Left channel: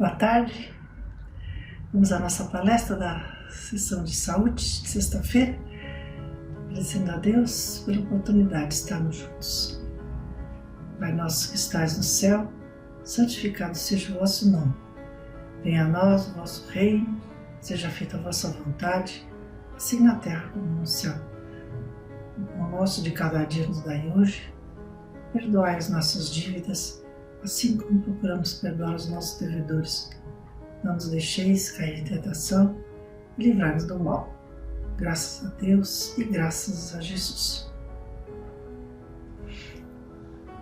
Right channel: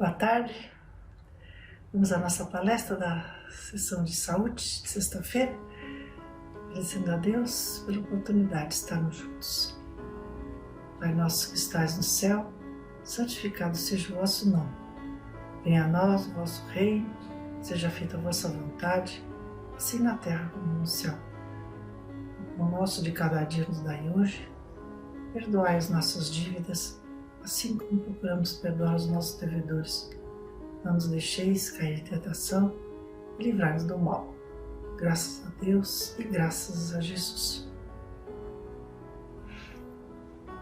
Boa tarde, vamos à nossa palestra da sessão de saúde de sexta-feira, agradecendo a Deus pela oportunidade de estarmos juntos. Pai nosso que estás no céu, santificado seja o vosso nome. Venha a nós o vosso reino, seja feita a vossa vontade, assim na terra como no céu. O pão nosso de cada dia nos dai hoje, perdoai as nossas dívidas, assim como procuramos perdoar os nossos devedores. Não nos deixeis cair em tentação e livrai-nos do mal. Graças a Deus e graças a Jesus.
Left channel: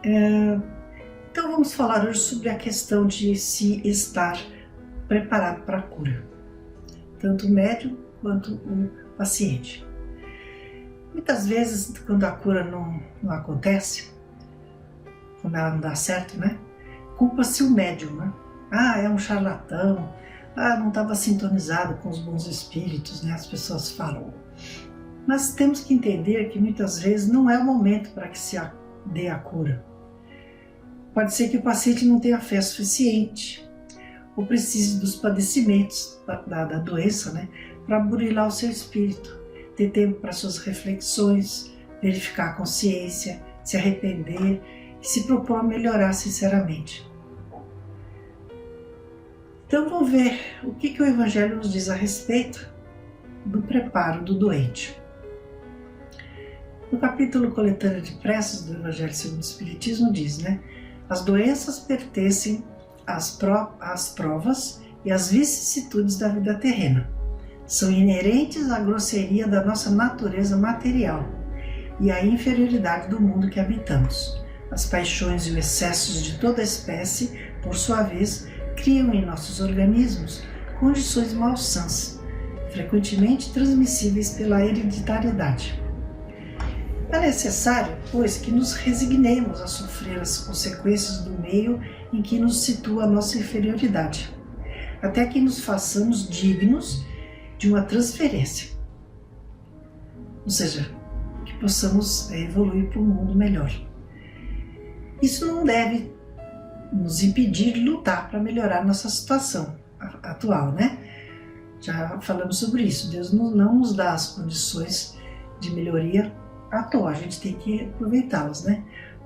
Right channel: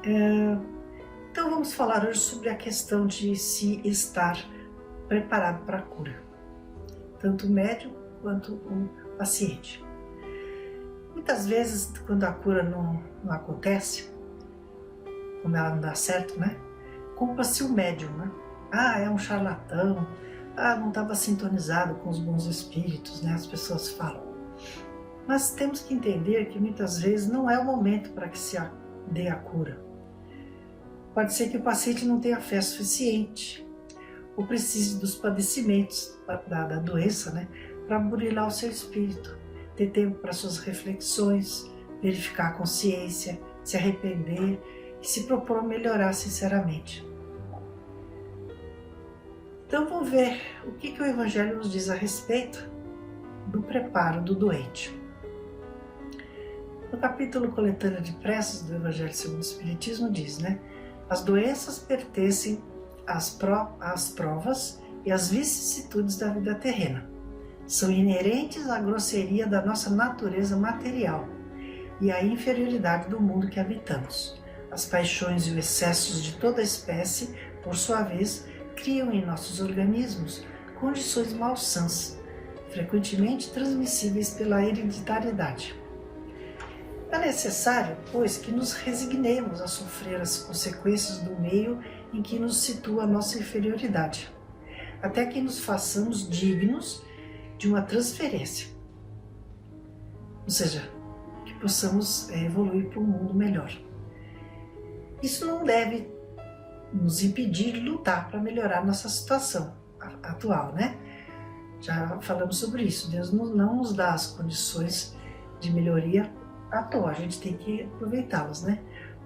Então vamos falar hoje sobre a questão de se estar preparado para a cura, tanto o médium quanto o paciente. Muitas vezes, quando a cura não acontece, quando ela não dá certo, culpa-se o médium, é um charlatão, não estava sintonizado com os bons espíritos, as pessoas falam. Mas temos que entender que muitas vezes não é o momento para que se dê a cura. Pode ser que o paciente não tenha fé suficiente, ou precise dos padecimentos da doença, para burilar o seu espírito, ter tempo para suas reflexões, verificar a consciência, se arrepender e se propor a melhorar sinceramente. Então vamos ver o que o Evangelho nos diz a respeito do preparo do doente. No capítulo Coletânea de Preces do Evangelho segundo o Espiritismo diz, as doenças pertencem às provas e às vicissitudes da vida terrena. São inerentes à grosseria da nossa natureza material e à inferioridade do mundo que habitamos. As paixões e os excessos de toda espécie, por sua vez, criam em nossos organismos condições malsãs, frequentemente transmissíveis pela hereditariedade. É necessário, pois, que nos resignemos a sofrer as consequências do meio em que nos situa a nossa inferioridade, até que nos façamos dignos de uma transferência, ou seja, que possamos evoluir para um mundo melhor. Isso não deve nos impedir de lutar para melhorar nossa situação atual, Já falamos sobre isso. Deus não nos dá as condições de melhoria à toa, a gente tem que aproveitá-las,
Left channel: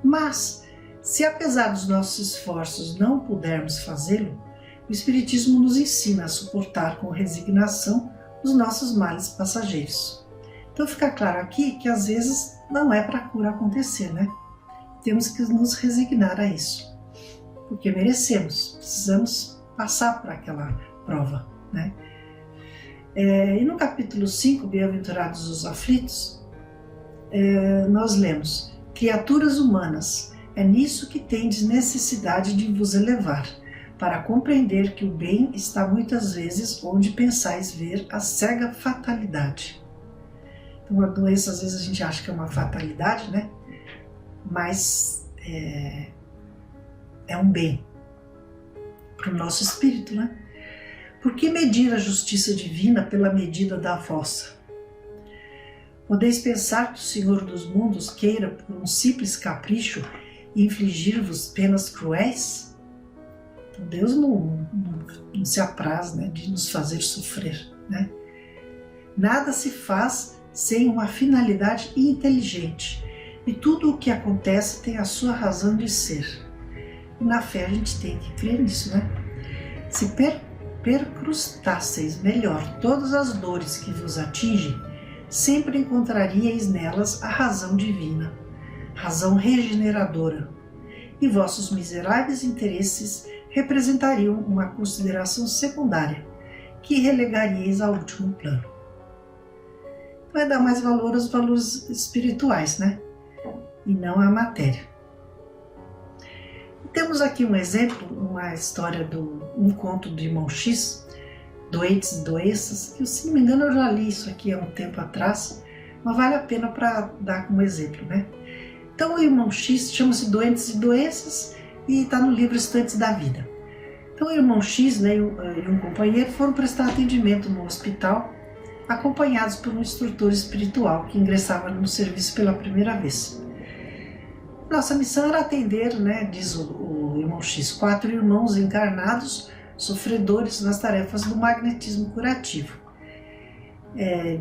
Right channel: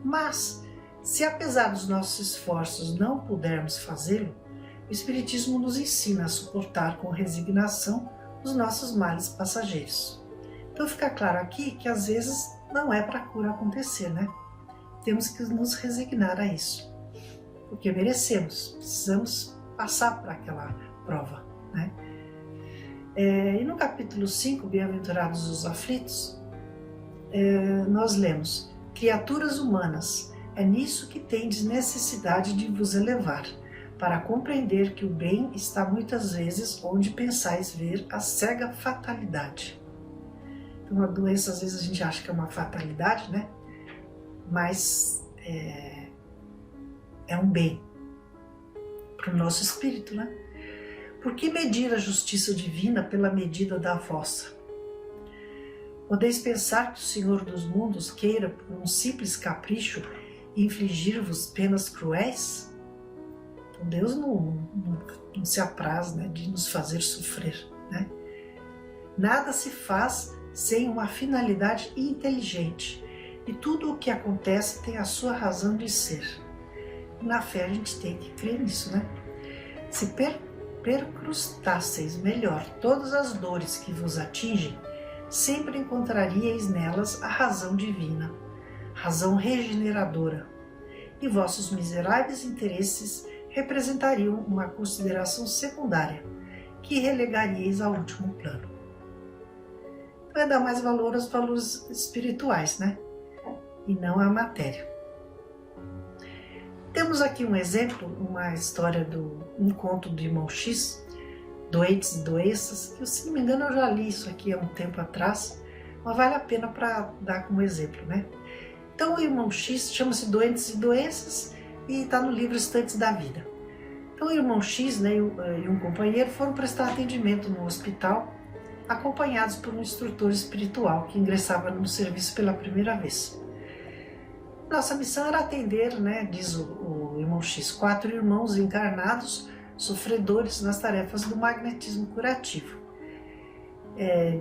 Mas, se apesar dos nossos esforços não pudermos fazê-lo, o Espiritismo nos ensina a suportar com resignação os nossos males passageiros. Então fica claro aqui que às vezes não é para a cura acontecer, Temos que nos resignar a isso, porque merecemos, precisamos passar por aquela prova, E no capítulo 5, Bem-aventurados os aflitos, nós lemos: criaturas humanas, é nisso que tendes necessidade de vos elevar, para compreender que o bem está muitas vezes onde pensais ver a cega fatalidade. Então a doença às vezes a gente acha que é uma fatalidade, Mas é um bem para o nosso espírito, Por que medir a justiça divina pela medida da vossa? Podeis pensar que o Senhor dos mundos queira, por um simples capricho, infligir-vos penas cruéis? Então Deus não se apraz de nos fazer sofrer, Nada se faz sem uma finalidade inteligente, e tudo o que acontece tem a sua razão de ser. E na fé a gente tem que crer nisso, Se percrustasseis melhor todas as dores que vos atingem, sempre encontraríeis nelas a razão divina, razão regeneradora, e vossos miseráveis interesses representariam uma consideração secundária, que relegaríeis ao último plano. Vai dar mais valor aos valores espirituais, e não à matéria. Temos aqui um exemplo, uma história um conto do irmão X, Doentes e Doenças, que, se não me engano, eu já li isso aqui há um tempo atrás, mas vale a pena para dar como exemplo, Então o irmão X chama-se Doentes e Doenças e está no livro Instantes da Vida. Então o irmão X e um companheiro foram prestar atendimento no hospital, acompanhados por um instrutor espiritual que ingressava no serviço pela primeira vez. Nossa missão era atender, diz o irmão X, 4 irmãos encarnados sofredores nas tarefas do magnetismo curativo.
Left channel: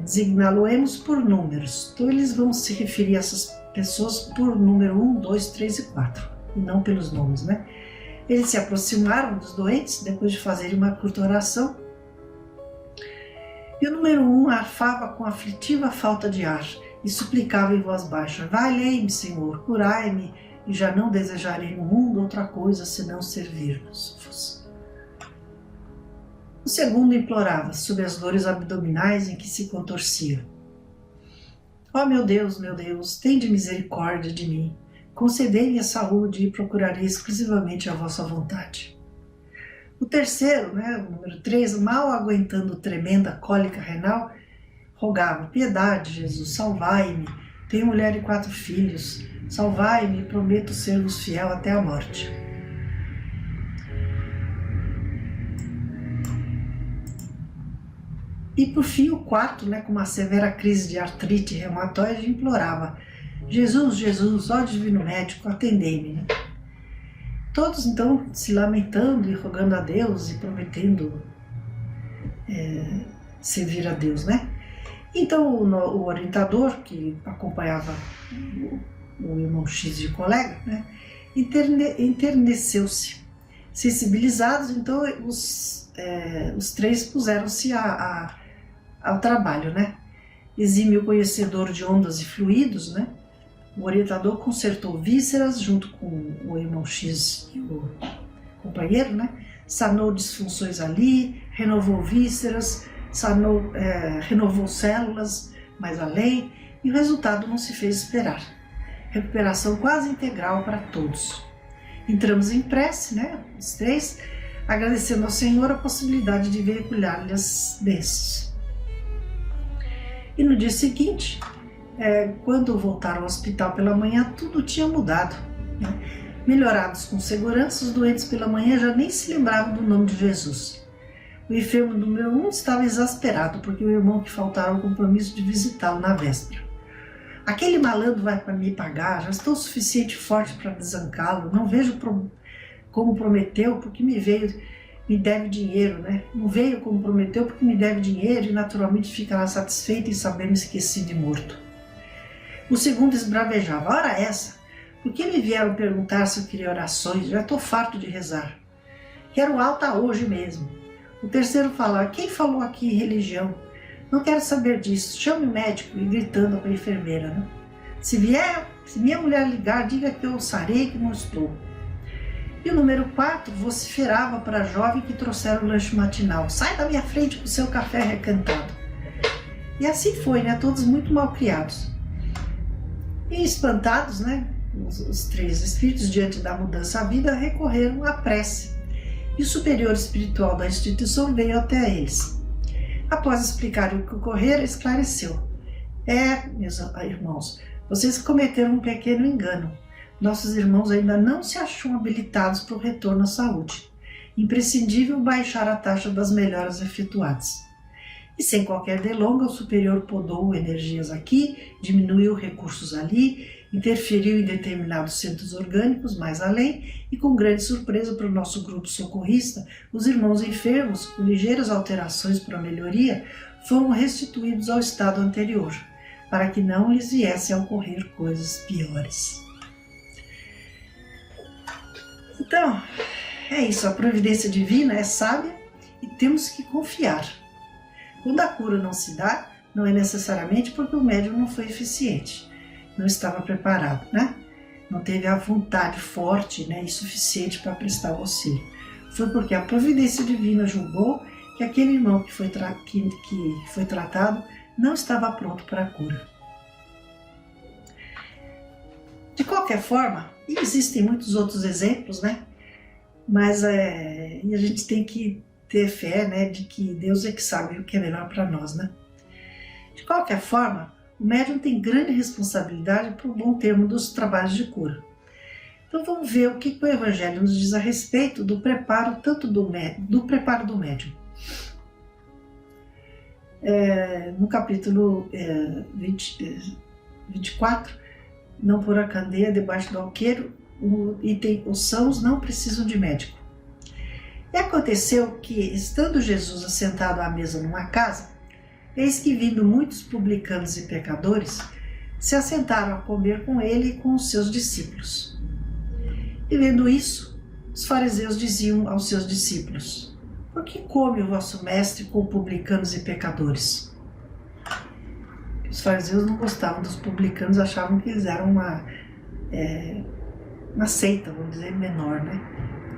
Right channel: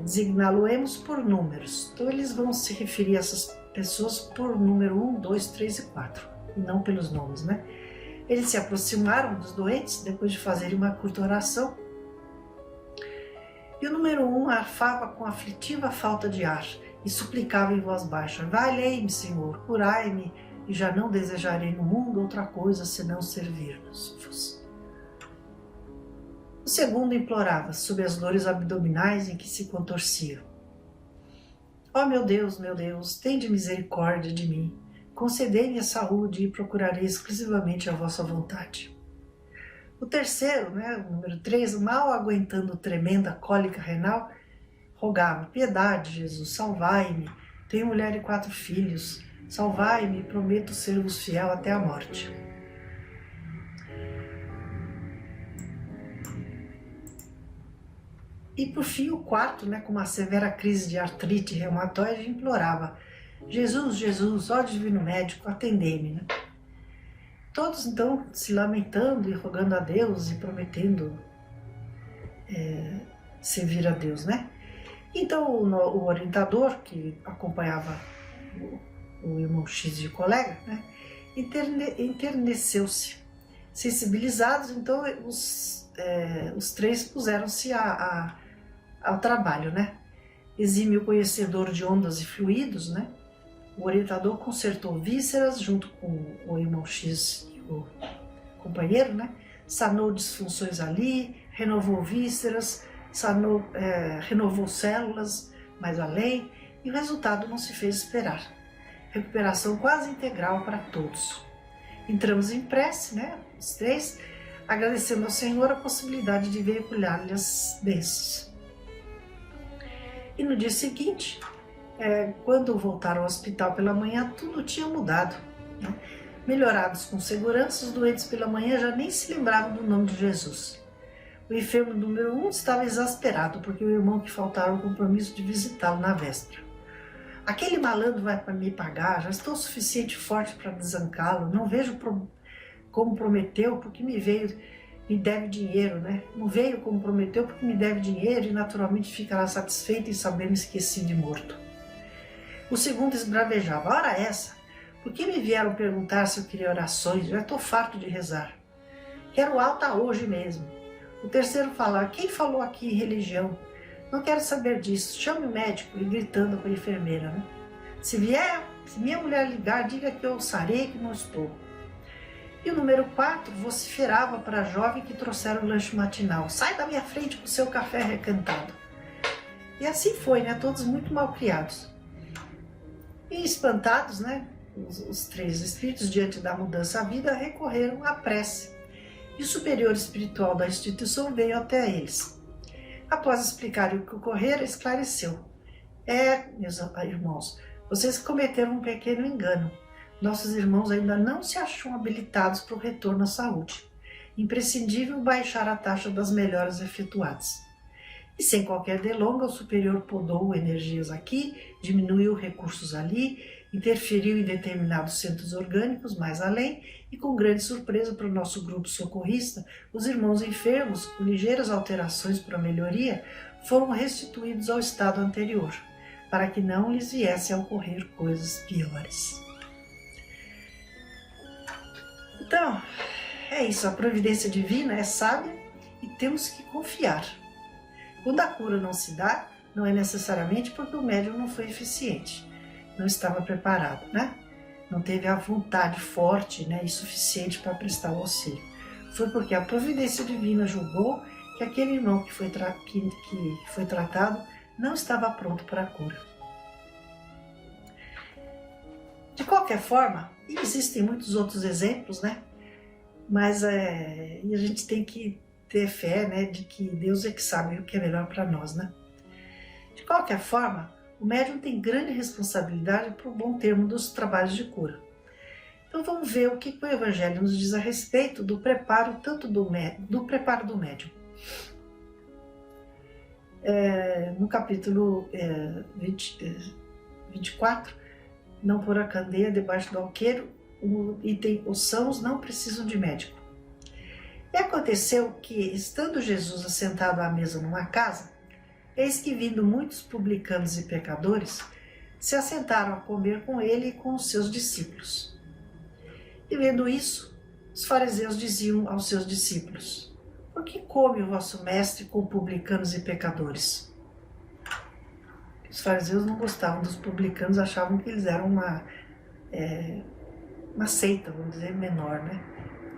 Designá-lo-emos por números. Então eles vão se referir a essas pessoas por número 1, 2, 3 e 4, e não pelos nomes, né? Eles se aproximaram dos doentes depois de fazerem uma curta oração. E o número 1 arfava com aflitiva falta de ar e suplicava em voz baixa: valei-me, Senhor, curai-me, e já não desejarei no mundo outra coisa senão servir-vos. O segundo implorava, sob as dores abdominais em que se contorcia: ó meu Deus, tende misericórdia de mim, concedei-me a saúde e procurarei exclusivamente a vossa vontade. O terceiro, o número 3, mal aguentando tremenda cólica renal, rogava: piedade, Jesus, salvai-me, tenho mulher e 4 filhos, salvai-me, prometo ser-vos fiel até a morte. E por fim o quarto, com uma severa crise de artrite reumatoide, implorava: Jesus, ó divino médico, atendei-me. Todos então se lamentando e rogando a Deus e prometendo servir a Deus, Então o orientador que acompanhava o irmão X de colega, enterneceu-se. Sensibilizados, então os 3 puseram-se ao trabalho, Exímio conhecedor de ondas e fluidos, o orientador consertou vísceras junto com o irmão X e o companheiro, sanou disfunções ali, renovou vísceras, renovou células mais além, e o resultado não se fez esperar. Recuperação quase integral para todos. Entramos em prece, os 3, agradecendo ao Senhor a possibilidade de veicular-lhe as bênçãos. E no dia seguinte, quando voltaram ao hospital pela manhã, tudo tinha mudado. Melhorados com segurança, os doentes pela manhã já nem se lembravam do nome de Jesus. O enfermo número 1 estava exasperado porque o irmão que faltara o compromisso de visitá-lo na véspera. Aquele malandro vai para me pagar, já estou o suficiente forte para desancá-lo, não vejo como prometeu porque me deve dinheiro, Não veio como prometeu porque me deve dinheiro e naturalmente ficará satisfeito em saber me esquecido e morto. O segundo esbravejava: ora essa, por que me vieram perguntar se eu queria orações? Já estou farto de rezar. Quero alta hoje mesmo. O terceiro falava: quem falou aqui em religião? Não quero saber disso, chame o médico, e gritando para a enfermeira, Se minha mulher ligar, diga que eu sarei que não estou. E o número 4 vociferava para a jovem que trouxera o lanche matinal: sai da minha frente com o seu café recantado. E assim foi, todos muito mal criados. E espantados, os 3 espíritos, diante da mudança à vida, recorreram à prece. E o superior espiritual da instituição veio até eles. Após explicar o que ocorrera, esclareceu: meus irmãos, vocês cometeram um pequeno engano. Nossos irmãos ainda não se acham habilitados para o retorno à saúde. Imprescindível baixar a taxa das melhoras efetuadas. E sem qualquer delonga, o superior podou energias aqui, diminuiu recursos ali, interferiu em determinados centros orgânicos mais além, e com grande surpresa para o nosso grupo socorrista, os irmãos enfermos, com ligeiras alterações para melhoria, foram restituídos ao estado anterior, para que não lhes viesse a ocorrer coisas piores. Então, é isso, a providência divina é sábia e temos que confiar. Quando a cura não se dá, não é necessariamente porque o médium não foi eficiente, não estava preparado, Não teve a vontade forte e suficiente para prestar o auxílio. Foi porque a providência divina julgou que aquele irmão que foi tratado não estava pronto para a cura. De qualquer forma, existem muitos outros exemplos, Mas a gente tem que ter fé, de que Deus é que sabe o que é melhor para nós, De qualquer forma, o médium tem grande responsabilidade para o bom termo dos trabalhos de cura. Então vamos ver o que o Evangelho nos diz a respeito do preparo preparo do médium. No capítulo 24, não pôr a candeia debaixo do alqueiro, o item: os sãos não precisam de médico. E aconteceu que, estando Jesus assentado à mesa numa casa, eis que vindo muitos publicanos e pecadores, se assentaram a comer com ele e com os seus discípulos. E vendo isso, os fariseus diziam aos seus discípulos: por que come o vosso mestre com publicanos e pecadores? Os fariseus não gostavam dos publicanos, achavam que eles eram uma seita, vamos dizer, menor, né?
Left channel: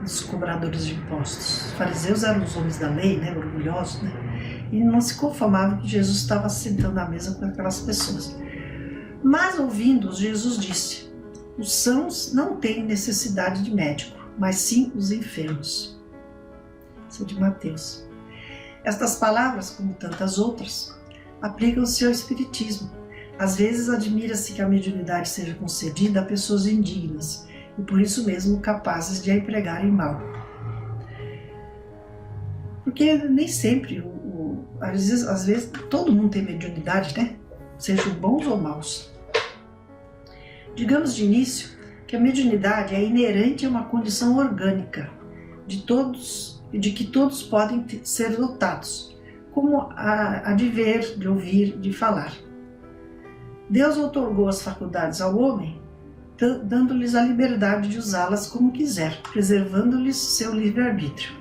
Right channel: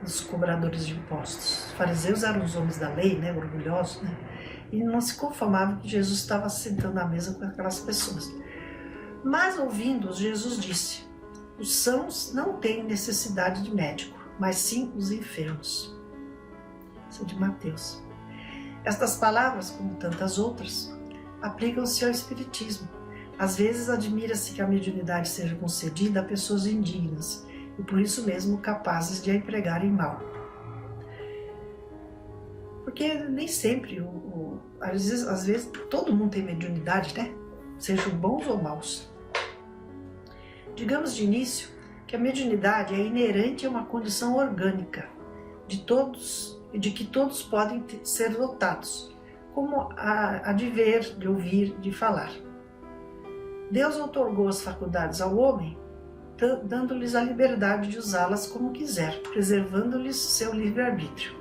Os cobradores de impostos. Os fariseus eram os homens da lei, né? Orgulhosos, né? E não se conformavam que Jesus estava sentando à mesa com aquelas pessoas. Mas, ouvindo-os, Jesus disse: os sãos não têm necessidade de médico, mas sim os enfermos. Isso é de Mateus. Estas palavras, como tantas outras, aplicam-se ao espiritismo. Às vezes admira-se que a mediunidade seja concedida a pessoas indignas e por isso mesmo capazes de a empregarem mal. Porque nem sempre, às vezes todo mundo tem mediunidade, né? Sejam bons ou maus. Digamos de início que a mediunidade é inerente a uma condição orgânica de que todos podem ser dotados, como a de ver, de ouvir, de falar. Deus outorgou as faculdades ao homem, dando-lhes a liberdade de usá-las como quiser, preservando-lhes seu livre-arbítrio.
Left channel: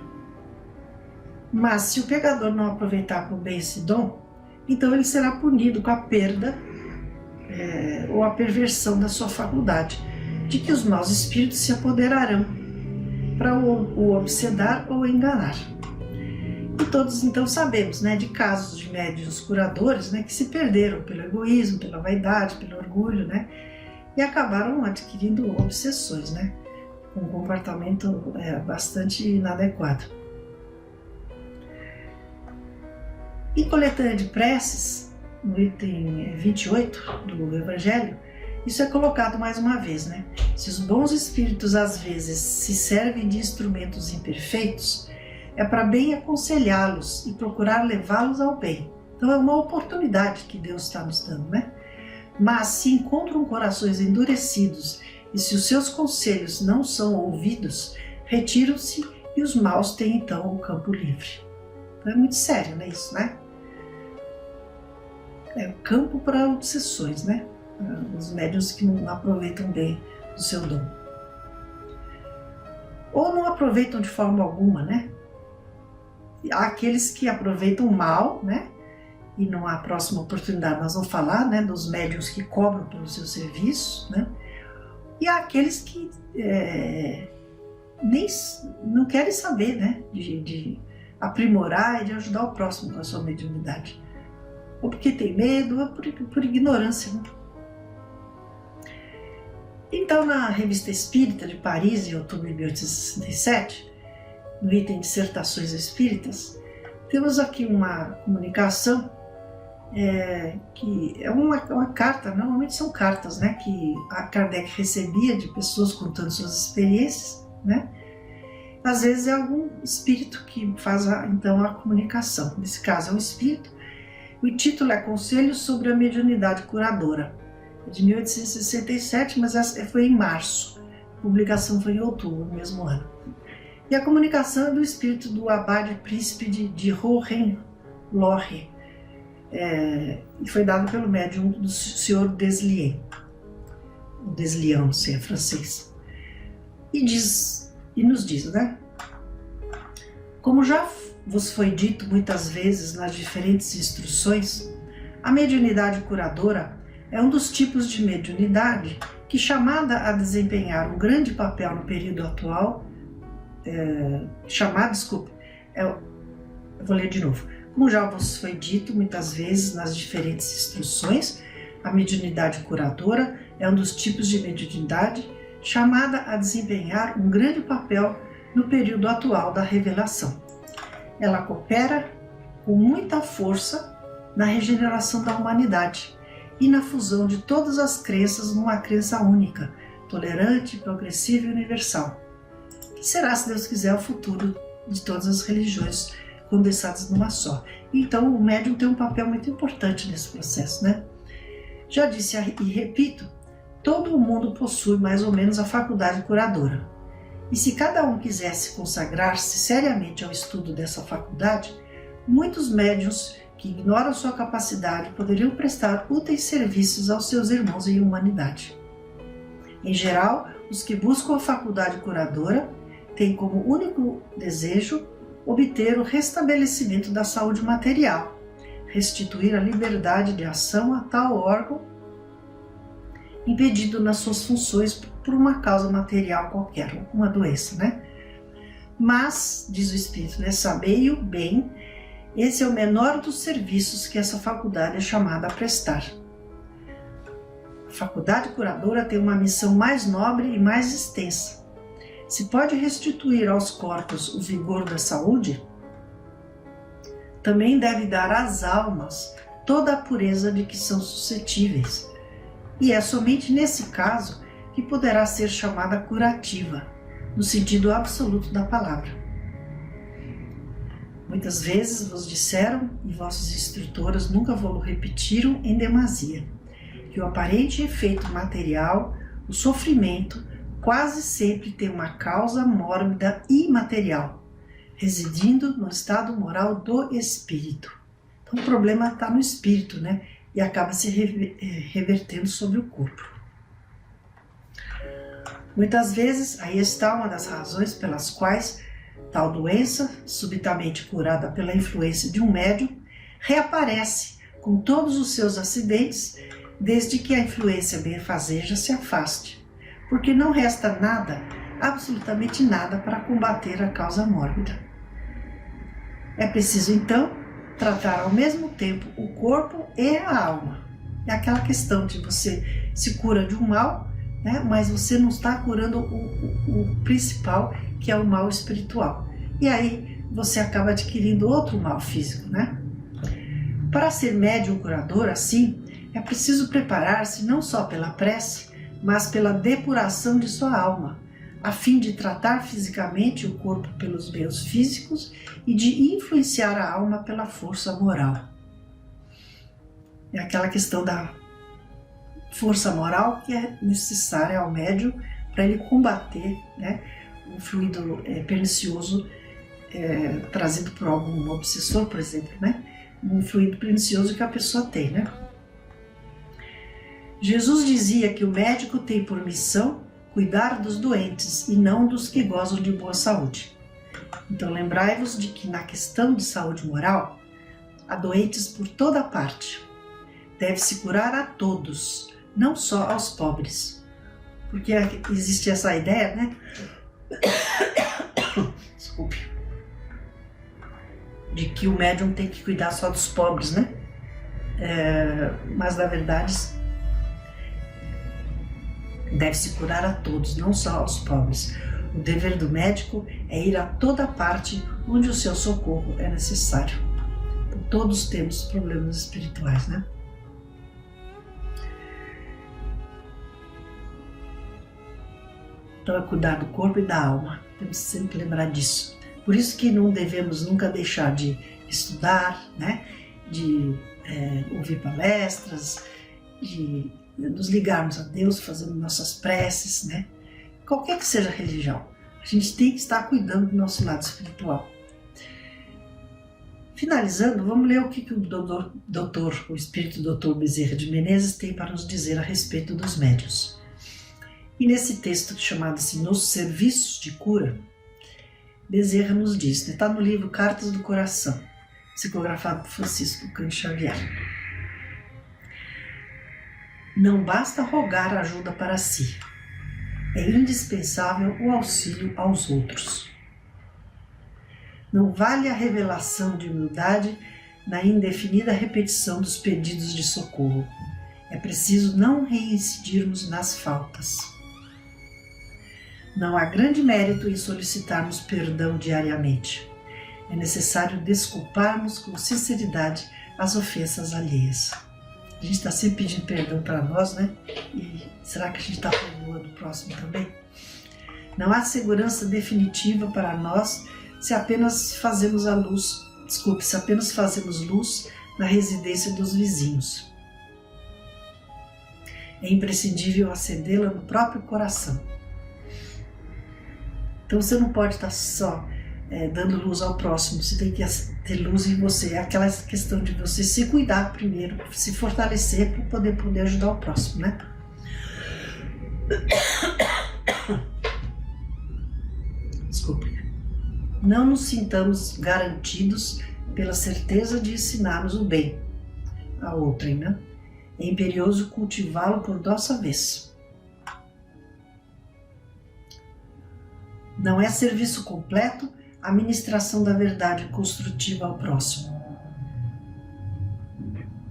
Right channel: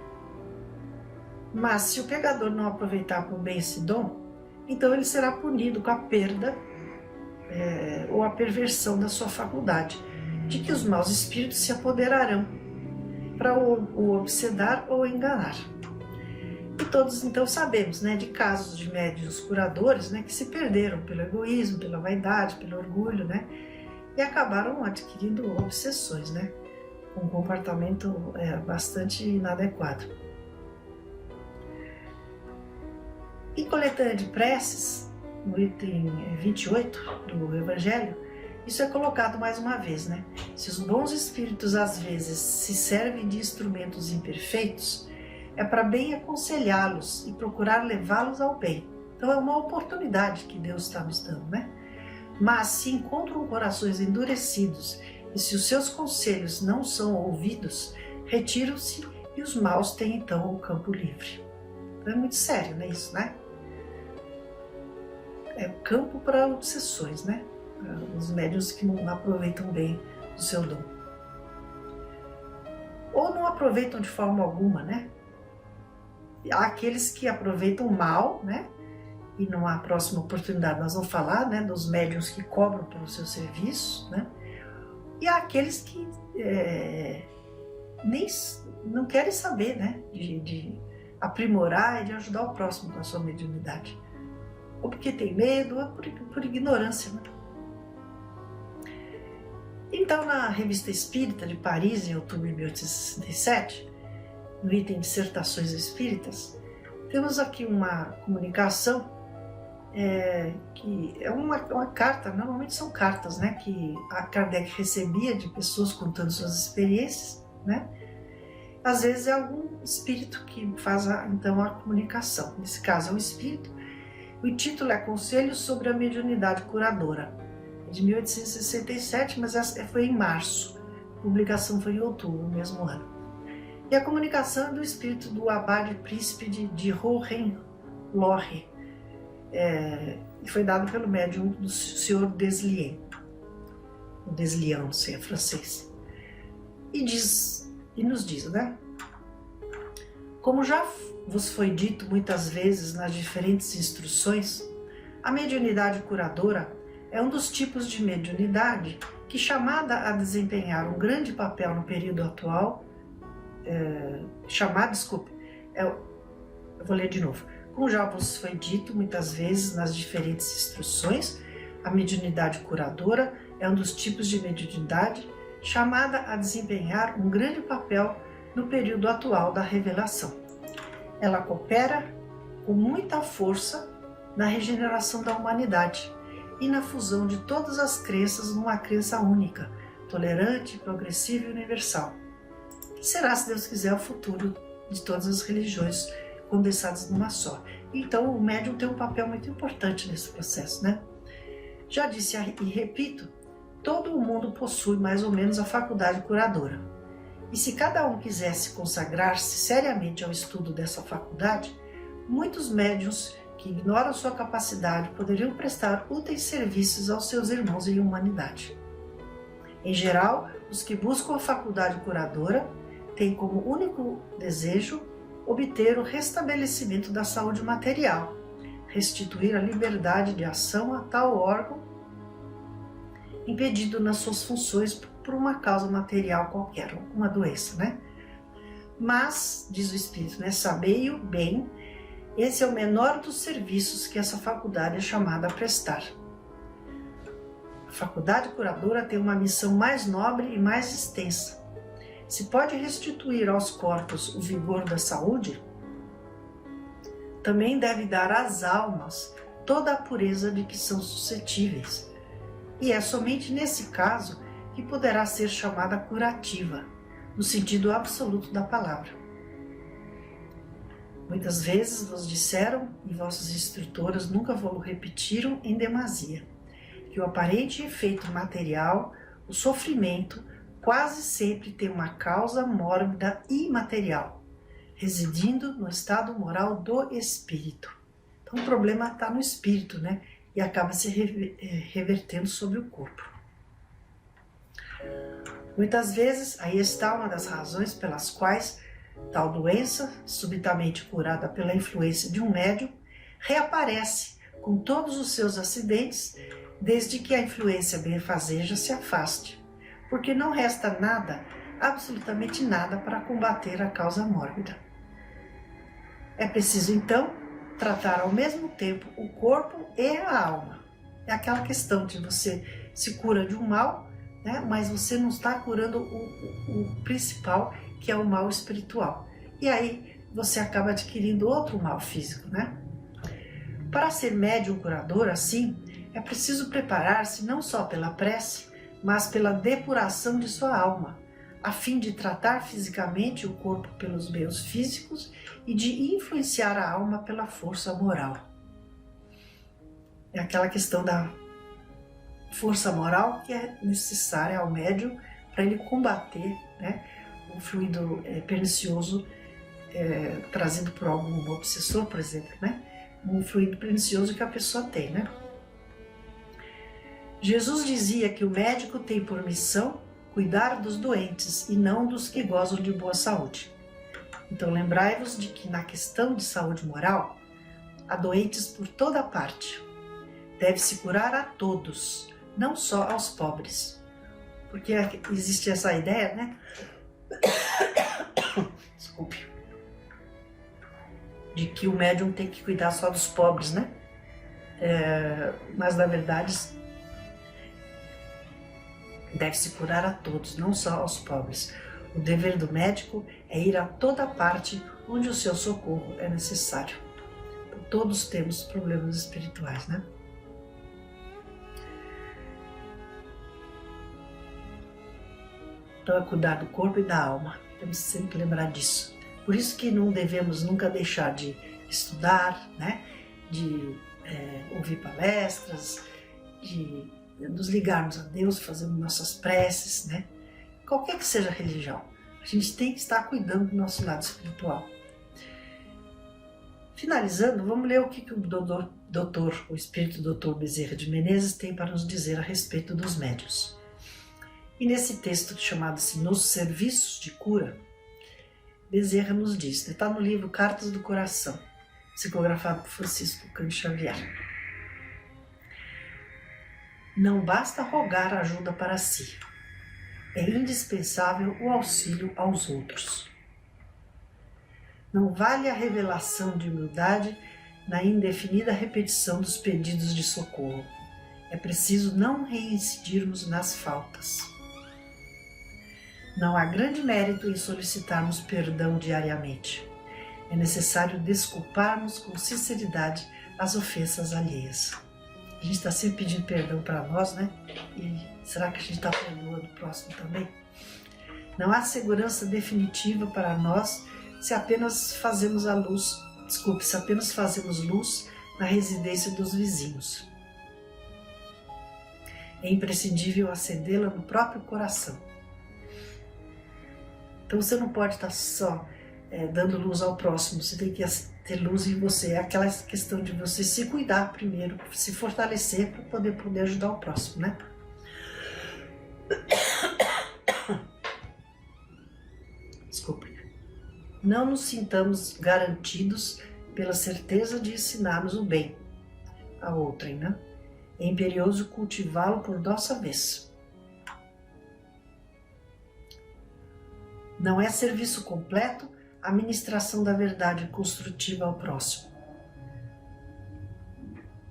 Mas se o pecador não aproveitar por bem esse dom, então ele será punido com a perda ou a perversão da sua faculdade, de que os maus espíritos se apoderarão para o obsedar ou enganar. E todos então sabemos, né, de casos de médiuns curadores, né, que se perderam pelo egoísmo, pela vaidade, pelo orgulho, né, e acabaram adquirindo obsessões, né, com um comportamento bastante inadequado. Em Coletânea de Preces, no item 28 do Evangelho, isso é colocado mais uma vez, né? Se os bons espíritos às vezes se servem de instrumentos imperfeitos, é para bem aconselhá-los e procurar levá-los ao bem. Então é uma oportunidade que Deus está nos dando, né? Mas se encontram corações endurecidos e se os seus conselhos não são ouvidos, retiram-se e os maus têm então o campo livre. Então é muito sério, né, isso, né? É o campo para obsessões, né? Os médiuns que não aproveitam bem o seu dom. Ou não aproveitam de forma alguma, né? Há aqueles que aproveitam mal, né? E numa próxima oportunidade nós vamos falar, né, dos médiuns que cobram pelo seu serviço, né? E há aqueles que nem não querem saber, né, de aprimorar e de ajudar o próximo com a sua mediunidade. Ou porque tem medo, ou por ignorância, né? Então, na Revista Espírita de Paris, em outubro de 1867, no item Dissertações Espíritas, temos aqui uma comunicação que é uma carta, normalmente são cartas, né, que a Kardec recebia de pessoas contando suas experiências, né? Às vezes é algum espírito que faz então a comunicação. Nesse caso é um espírito. O título é Conselhos sobre a Mediunidade Curadora, de 1867, mas essa foi em março. A publicação foi em outubro, no mesmo ano. E a comunicação é do espírito do abade príncipe de Hohenlohe, e foi dado pelo médium do Sr. Deslian. O Deslian, não sei, é francês. E nos diz, né? Como já vos foi dito muitas vezes nas diferentes instruções, a mediunidade curadora é um dos tipos de mediunidade que, chamada a desempenhar um grande papel no período atual, eu vou ler de novo. Como já vos foi dito muitas vezes nas diferentes instruções, a mediunidade curadora é um dos tipos de mediunidade chamada a desempenhar um grande papel no período atual da revelação. Ela coopera com muita força na regeneração da humanidade e na fusão de todas as crenças numa crença única, tolerante, progressiva e universal, que será, se Deus quiser, o futuro de todas as religiões condensadas numa só. Então o médium tem um papel muito importante nesse processo, né? Já disse e repito, todo o mundo possui mais ou menos a faculdade curadora. E se cada um quisesse consagrar-se seriamente ao estudo dessa faculdade, muitos médiuns que ignoram sua capacidade poderiam prestar úteis serviços aos seus irmãos em humanidade. Em geral, os que buscam a faculdade curadora têm como único desejo obter o restabelecimento da saúde material, restituir a liberdade de ação a tal órgão impedido nas suas funções por uma causa material qualquer, uma doença, né? Mas, diz o Espírito, né, sabei-o bem, esse é o menor dos serviços que essa faculdade é chamada a prestar. A faculdade curadora tem uma missão mais nobre e mais extensa. Se pode restituir aos corpos o vigor da saúde, também deve dar às almas toda a pureza de que são suscetíveis. E é somente nesse caso que poderá ser chamada curativa, no sentido absoluto da palavra. Muitas vezes vos disseram, e vossos instrutores nunca vos repetiram em demasia, que o aparente efeito material, o sofrimento, quase sempre tem uma causa mórbida e imaterial, residindo no estado moral do espírito. Então o problema está no espírito, né? E acaba se revertendo sobre o corpo. Muitas vezes, aí está uma das razões pelas quais tal doença, subitamente curada pela influência de um médium, reaparece com todos os seus acidentes, desde que a influência benfazeja se afaste, porque não resta nada, absolutamente nada, para combater a causa mórbida. É preciso, então, tratar ao mesmo tempo o corpo e a alma. É aquela questão de você se cura de um mal, né, mas você não está curando o principal, que é o mal espiritual. E aí você acaba adquirindo outro mal físico, né? Para ser médium curador, assim, é preciso preparar-se não só pela prece, mas pela depuração de sua alma, a fim de tratar fisicamente o corpo pelos meios físicos e de influenciar a alma pela força moral. É aquela questão da força moral que é necessária ao médium para ele combater, né, um fluido pernicioso trazido por algum obsessor, por exemplo, né, um fluido pernicioso que a pessoa tem, né. Jesus dizia que o médico tem por missão cuidar dos doentes e não dos que gozam de boa saúde. Então lembrai-vos de que na questão de saúde moral, há doentes por toda parte. Deve-se curar a todos, não só aos pobres. Porque existe essa ideia, né? Desculpe. De que o médium tem que cuidar só dos pobres, né? Mas na verdade deve-se curar a todos, não só aos pobres. O dever do médico é ir a toda parte onde o seu socorro é necessário. Então, todos temos problemas espirituais, né? Então é cuidar do corpo e da alma. Temos que sempre lembrar disso. Por isso que não devemos nunca deixar de estudar, né? De ouvir palestras, de nos ligarmos a Deus, fazendo nossas preces, né? Qualquer que seja a religião, a gente tem que estar cuidando do nosso lado espiritual. Finalizando, vamos ler o que o Espírito Doutor Bezerra de Menezes tem para nos dizer a respeito dos médiuns. E nesse texto chamado assim, Nos Serviços de Cura, Bezerra nos diz, está no livro Cartas do Coração, psicografado por Francisco Cândido Xavier. Não basta rogar ajuda para si, é indispensável o auxílio aos outros. Não vale a revelação de humildade na indefinida repetição dos pedidos de socorro. É preciso não reincidirmos nas faltas. Não há grande mérito em solicitarmos perdão diariamente. É necessário desculparmos com sinceridade as ofensas alheias. A gente está sempre pedindo perdão para nós, né? E será que a gente está perdoando o próximo também? Não há segurança definitiva para nós se apenas fazemos luz na residência dos vizinhos. É imprescindível acendê-la no próprio coração. Então você não pode estar só dando luz ao próximo, você tem que ter luz em você. É aquela questão de você se cuidar primeiro, se fortalecer para poder ajudar o próximo, né? Desculpe. Não nos sintamos garantidos pela certeza de ensinarmos o bem a outrem, né? É imperioso cultivá-lo por nossa vez. Não é serviço completo a ministração da verdade construtiva ao próximo.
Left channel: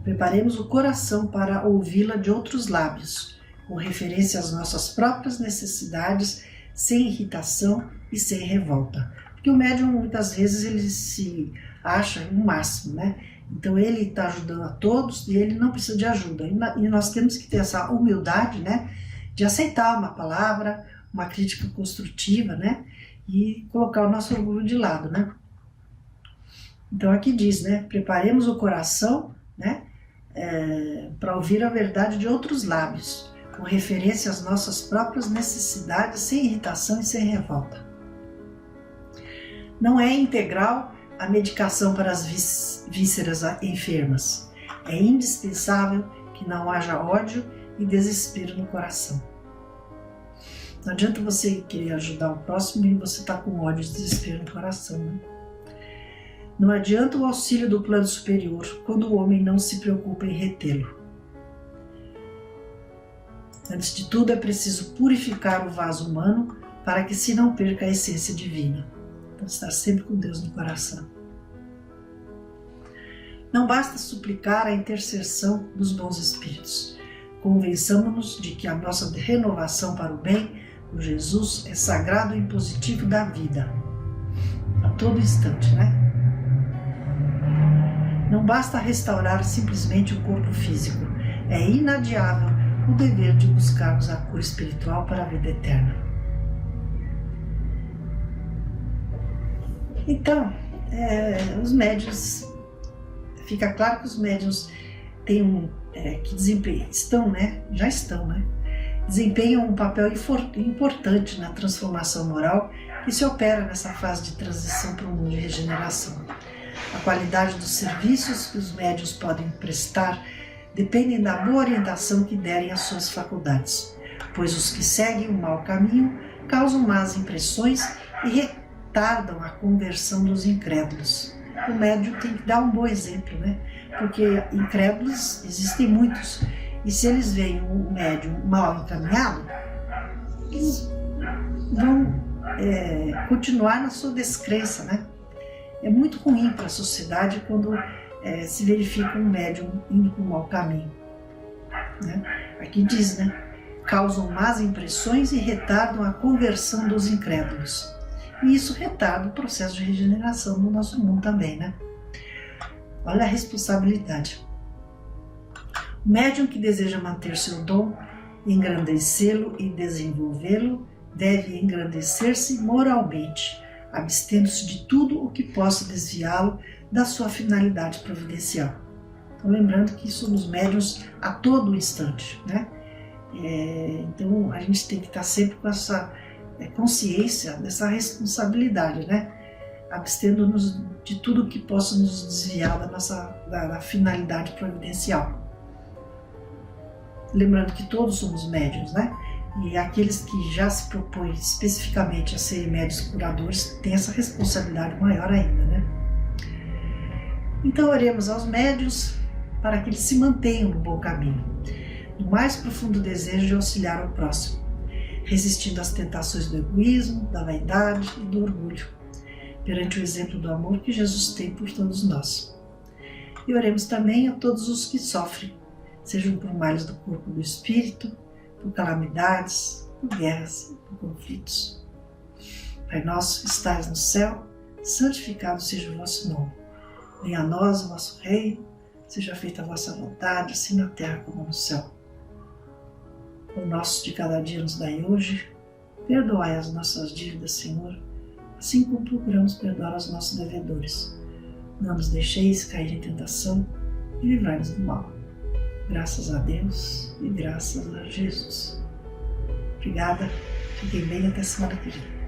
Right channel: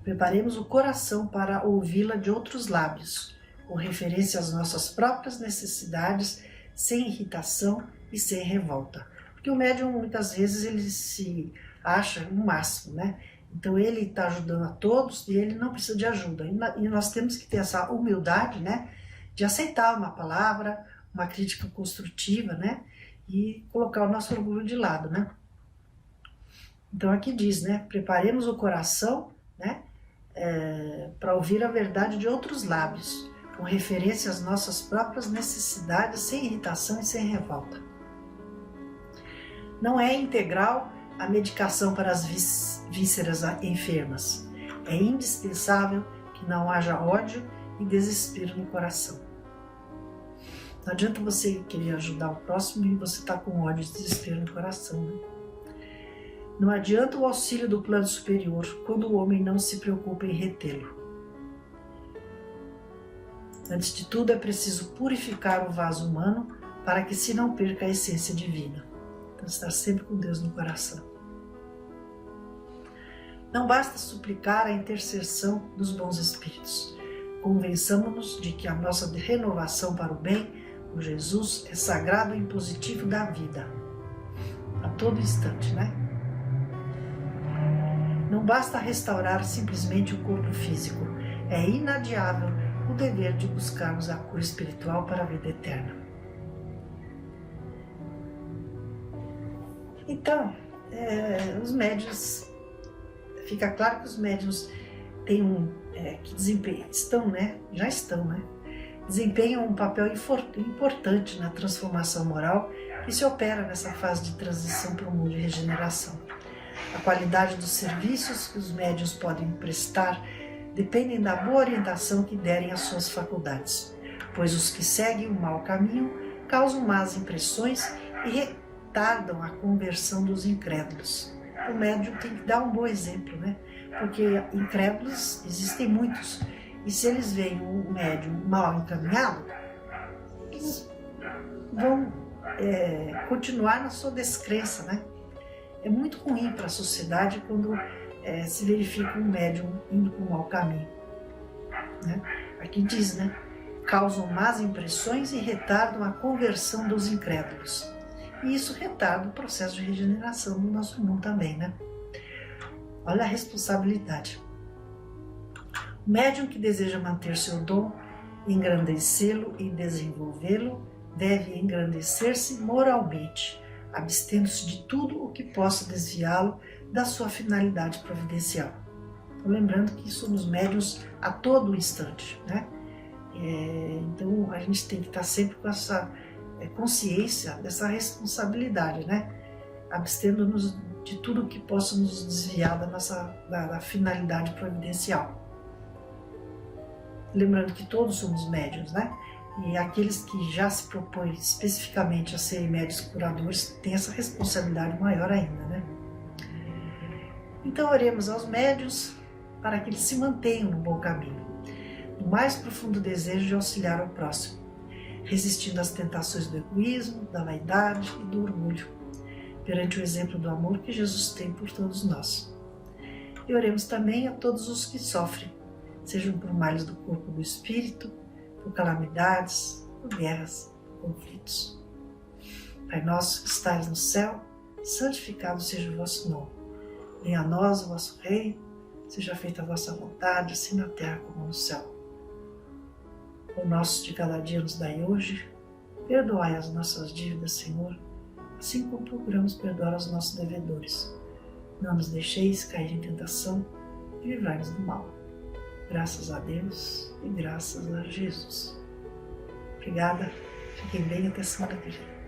Preparemos o coração para ouvi-la de outros lábios, com referência às nossas próprias necessidades, sem irritação e sem revolta. Porque o médium, muitas vezes, ele se acha o máximo, né? Então, ele está ajudando a todos e ele não precisa de ajuda. E nós temos que ter essa humildade, né? De aceitar uma palavra, uma crítica construtiva, né? E colocar o nosso orgulho de lado, né? Então, aqui diz, né? Preparemos o coração, né? Para ouvir a verdade de outros lábios, com referência às nossas próprias necessidades, sem irritação e sem revolta. Não é integral a medicação para as vísceras enfermas. É indispensável que não haja ódio e desespero no coração. Não adianta você querer ajudar o próximo e você está com ódio e desespero no coração, né? Não adianta o auxílio do plano superior quando o homem não se preocupa em retê-lo. Antes de tudo, é preciso purificar o vaso humano para que se não perca a essência divina. Então, estar sempre com Deus no coração. Não basta suplicar a intercessão dos bons espíritos. Convençamo-nos de que a nossa renovação para o bem, por Jesus, é sagrado e impositivo da vida. A todo instante, né? Não basta restaurar simplesmente o corpo físico. É inadiável o dever de buscarmos a cura espiritual para a vida eterna. Então, os médiuns, fica claro que os médiuns têm desempenham um papel importante na transformação moral que se opera nessa fase de transição para o mundo de regeneração. A qualidade dos serviços que os médiuns podem prestar dependem da boa orientação que derem às suas faculdades, pois os que seguem o mau caminho causam más impressões e retardam a conversão dos incrédulos. O médium tem que dar um bom exemplo, né? Porque incrédulos existem muitos, e se eles veem um médium mal encaminhado, eles vão continuar na sua descrença, né? É muito ruim para a sociedade quando se verifica um médium indo para um mau caminho, né? Aqui diz, né? Causam más impressões e retardam a conversão dos incrédulos. E isso retarda o processo de regeneração no nosso mundo também, né? Olha a responsabilidade. O médium que deseja manter seu dom, engrandecê-lo e desenvolvê-lo, deve engrandecer-se moralmente, abstendo-se de tudo o que possa desviá-lo da sua finalidade providencial. Então, lembrando que somos médiuns a todo instante, né? Então, a gente tem que estar sempre com essa consciência dessa responsabilidade, né? Abstendo-nos de tudo que possa nos desviar da finalidade providencial. Lembrando que todos somos médiuns, né? E aqueles que já se propõem especificamente a serem médiuns curadores têm essa responsabilidade maior ainda, né? Então, oremos aos médiuns para que eles se mantenham no bom caminho, no mais profundo desejo de auxiliar ao próximo, resistindo às tentações do egoísmo, da vaidade e do orgulho, perante o exemplo do amor que Jesus tem por todos nós. E oremos também a todos os que sofrem, sejam por males do corpo ou do espírito, por calamidades, por guerras, por conflitos. Pai nosso que estais no céu, santificado seja o vosso nome. Venha a nós o vosso reino, seja feita a vossa vontade, assim na terra como no céu. O nosso de cada dia nos dai hoje, perdoai as nossas dívidas, Senhor, assim como procuramos perdoar aos nossos devedores. Não nos deixeis cair em tentação e livrai-nos do mal. Graças a Deus e graças a Jesus. Obrigada, fiquem bem até semana que vem.